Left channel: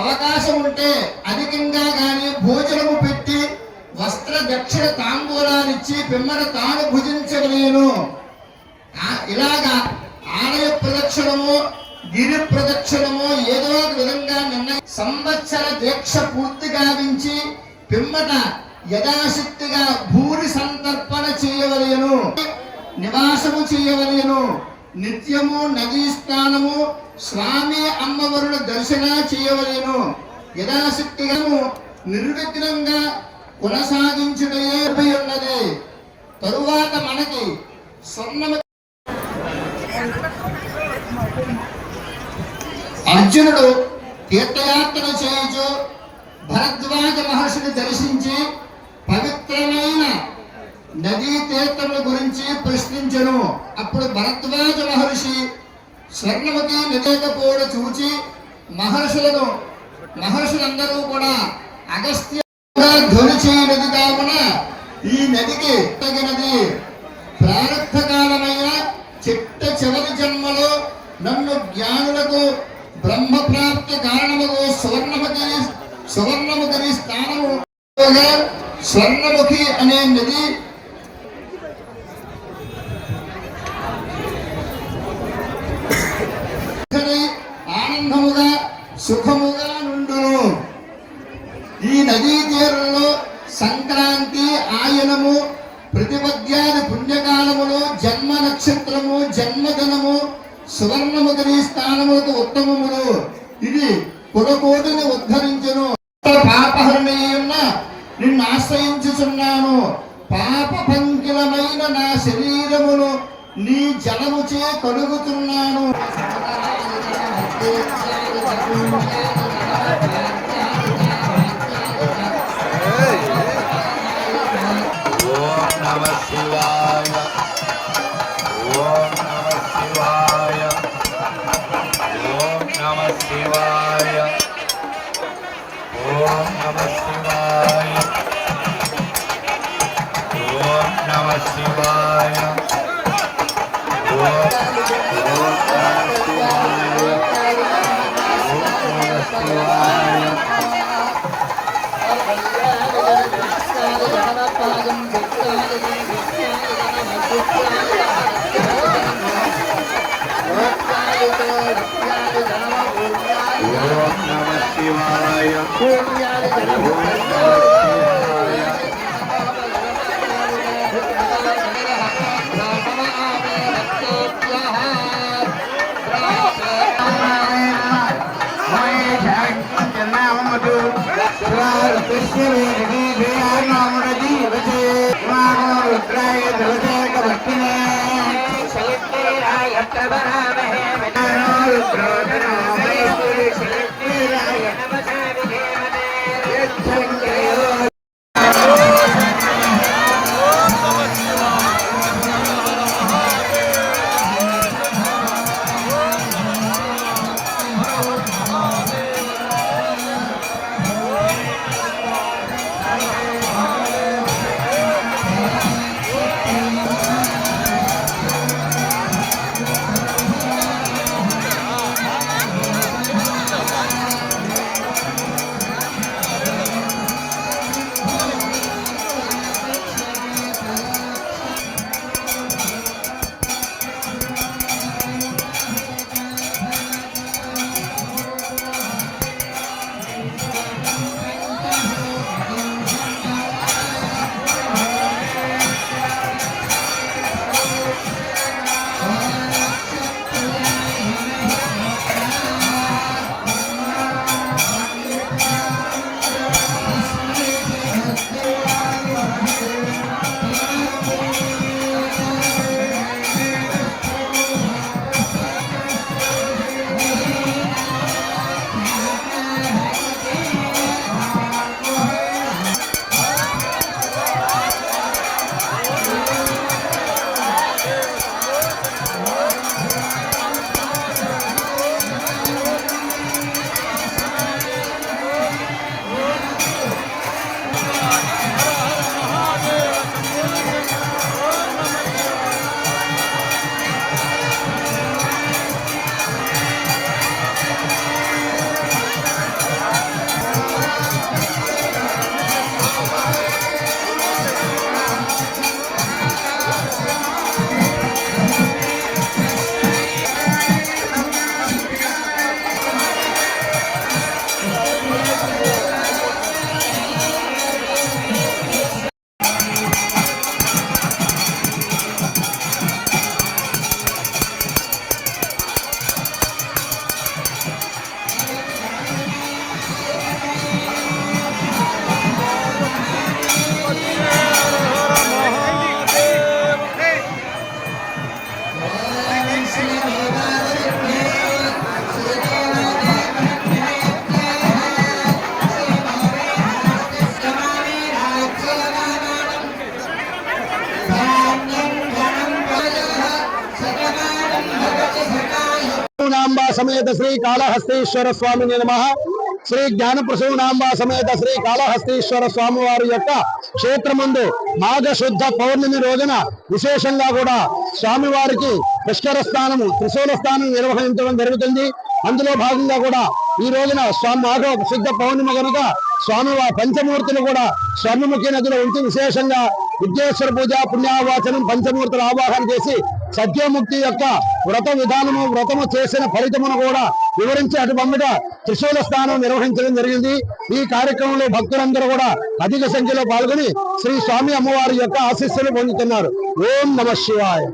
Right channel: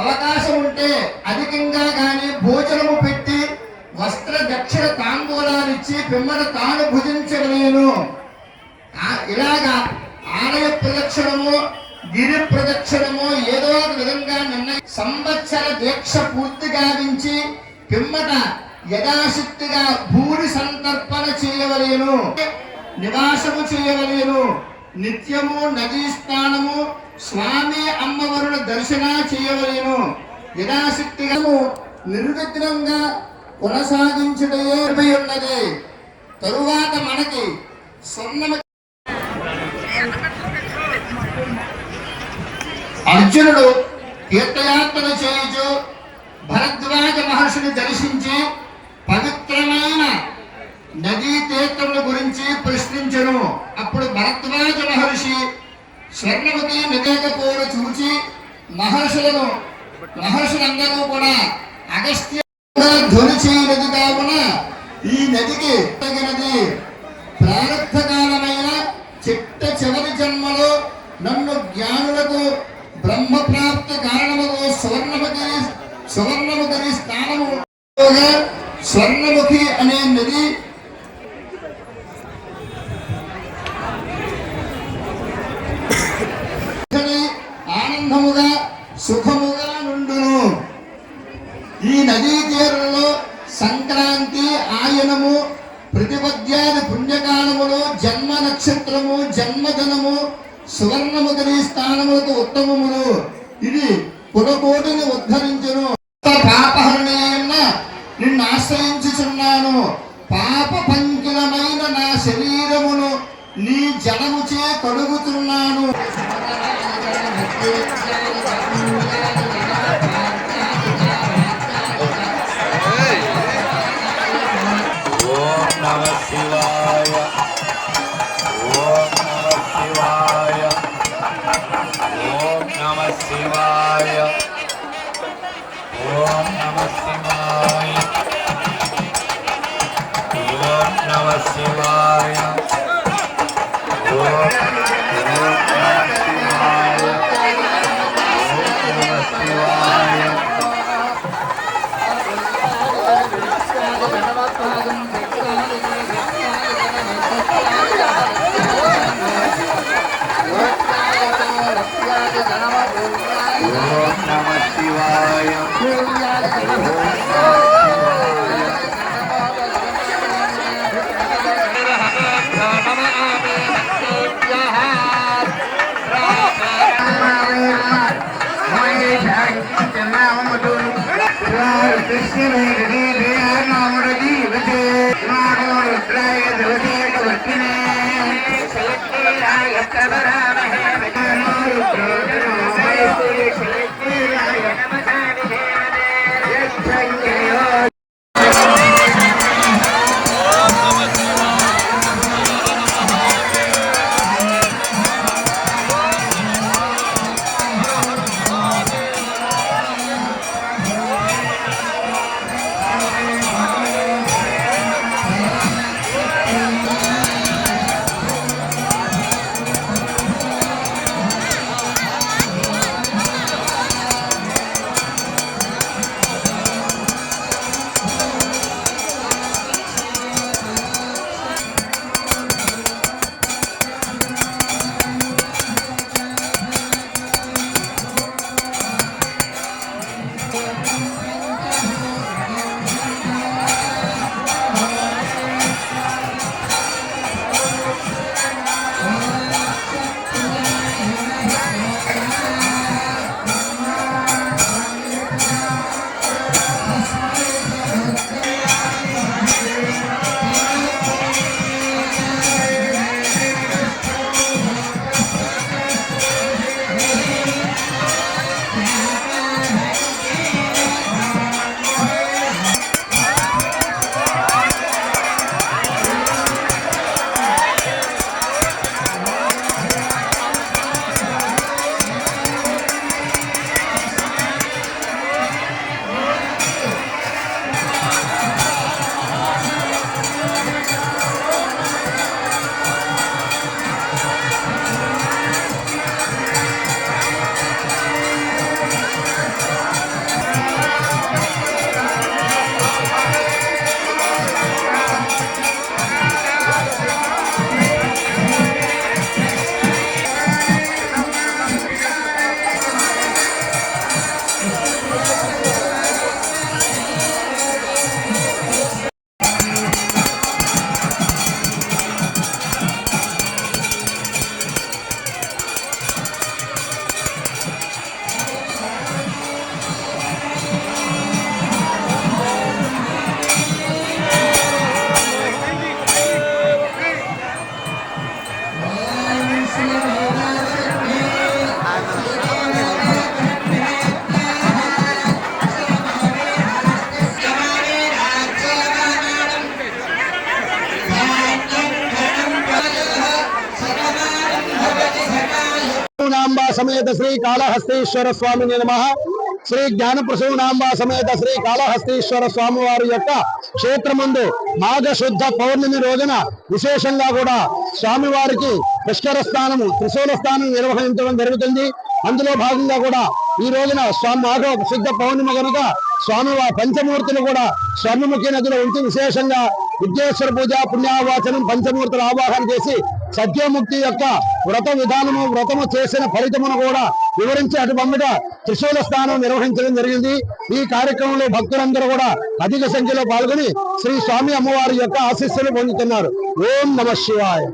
అవకాశం ఉంటే అధికంగా గాని భోజనము పెట్టి వస్త్ర దక్షిణ తాంబూలాలు ఇచ్చి పిమ్మట తాను భుజించగలేను. ఇలాగా ఆలయ ప్రదక్షిణము గిరి ప్రదక్షిణము ఏదో ఒక విధంగా సంవత్సర దీక్ష పూర్తి గావించి పిమ్మట యథాశక్తిగా భూరి సంతర్పణ చేయవలేను, నివాసము చేయవలేను. నిత్యము నదీ స్నానము స్వామి అమ్మవారుల దర్శన చేయవలేను. యథాశక్తిగా నిర్విఘ్నంగా కొనసాగించుటయే ఉన్నది. తరువాత మనకి స్వర్ణ అర్జునుడు తీర్థయాత్ర చేయుచు భరద్వాజ మహర్షిని దర్శించి పవిత్రమైన నదీ తీర్థముల గురించి ప్రశ్నించను. అప్పుడు భరద్వాజ మహర్షి స్వర్ణవతి నదిపోర చూచి మహర్షులందరూ కూడా అగస్త్య ధ్వనిచే నది కావున ఈ నదికి తగినది. ప్రారంభకాలమైన చిట్ట చివరి జన్మలో నన్ను జ్ఞానులకు బ్రహ్మ ప్రాప్తి కారణముకు సువర్ణముఖి స్థానము స్వర్ణముఖి అనే నది ఆనందముగా సుఖముగా నుండును. ఈ నదీ తీరంలో సంక్రాంతి ఆయనము ప్రతిపద్యాది పుణ్యకాలములు జన్మ నక్షత్రము జన్మదినము సువర్ణముఖి స్థానములకు ఉత్తమములు. ఇది కులకోటిని ఉద్ధరించును. పాపహరణీయన్న నిన్ను ఆశ్రయించుచున్నాను. పాప పంకిలమైన నా శరీరమును నీ జలముచే కడుగుతున్నాను. ప్రసూనాంబా సమేత శ్రీ కాళహస్తీశ్వర స్వామిని నమః. శ్రీ జ్ఞాన ప్రసూనాంబా సమేత శ్రీ కాళహస్తీశ్వర స్వామి వారి యొక్క క్షేత్రమందు మాఘ శుద్ధ పౌర్ణమి రోజున విశేషంగా కూడా స్వామివారికి పుష్కర స్థానము త్రిశూల స్థానం నిర్వహించడం జరుగుతుంది. అందులో భాగంగా కూడా ఈ రోజున మాఘ శుద్ధ పౌర్ణమి కనుక స్వామివారి పంచమూర్తులు కూడా స్వర్ణముఖి నదిలో ఉంచి విశేషంగా విద్యేశ్వర పూజ పుణ్యావాచనం పంచమూర్తుల ఆవాహన చేసి సత్యముక్తి యొక్క వ్రత విధానము వ్రతము చేసిన ఫలితమును కూడా వివరించి అటుపండుగా త్రిశూల స్థానం నిర్వహించడం జరిగింది. ఈ కార్యక్రమంలో భక్తులందరూ కూడా అధిక సంఖ్యలో పాల్గొని శ్రీ స్వామి అమ్మవారి యొక్క ఆశీస్సులు పొందుతున్నారు. ఓం నమః శివాయ.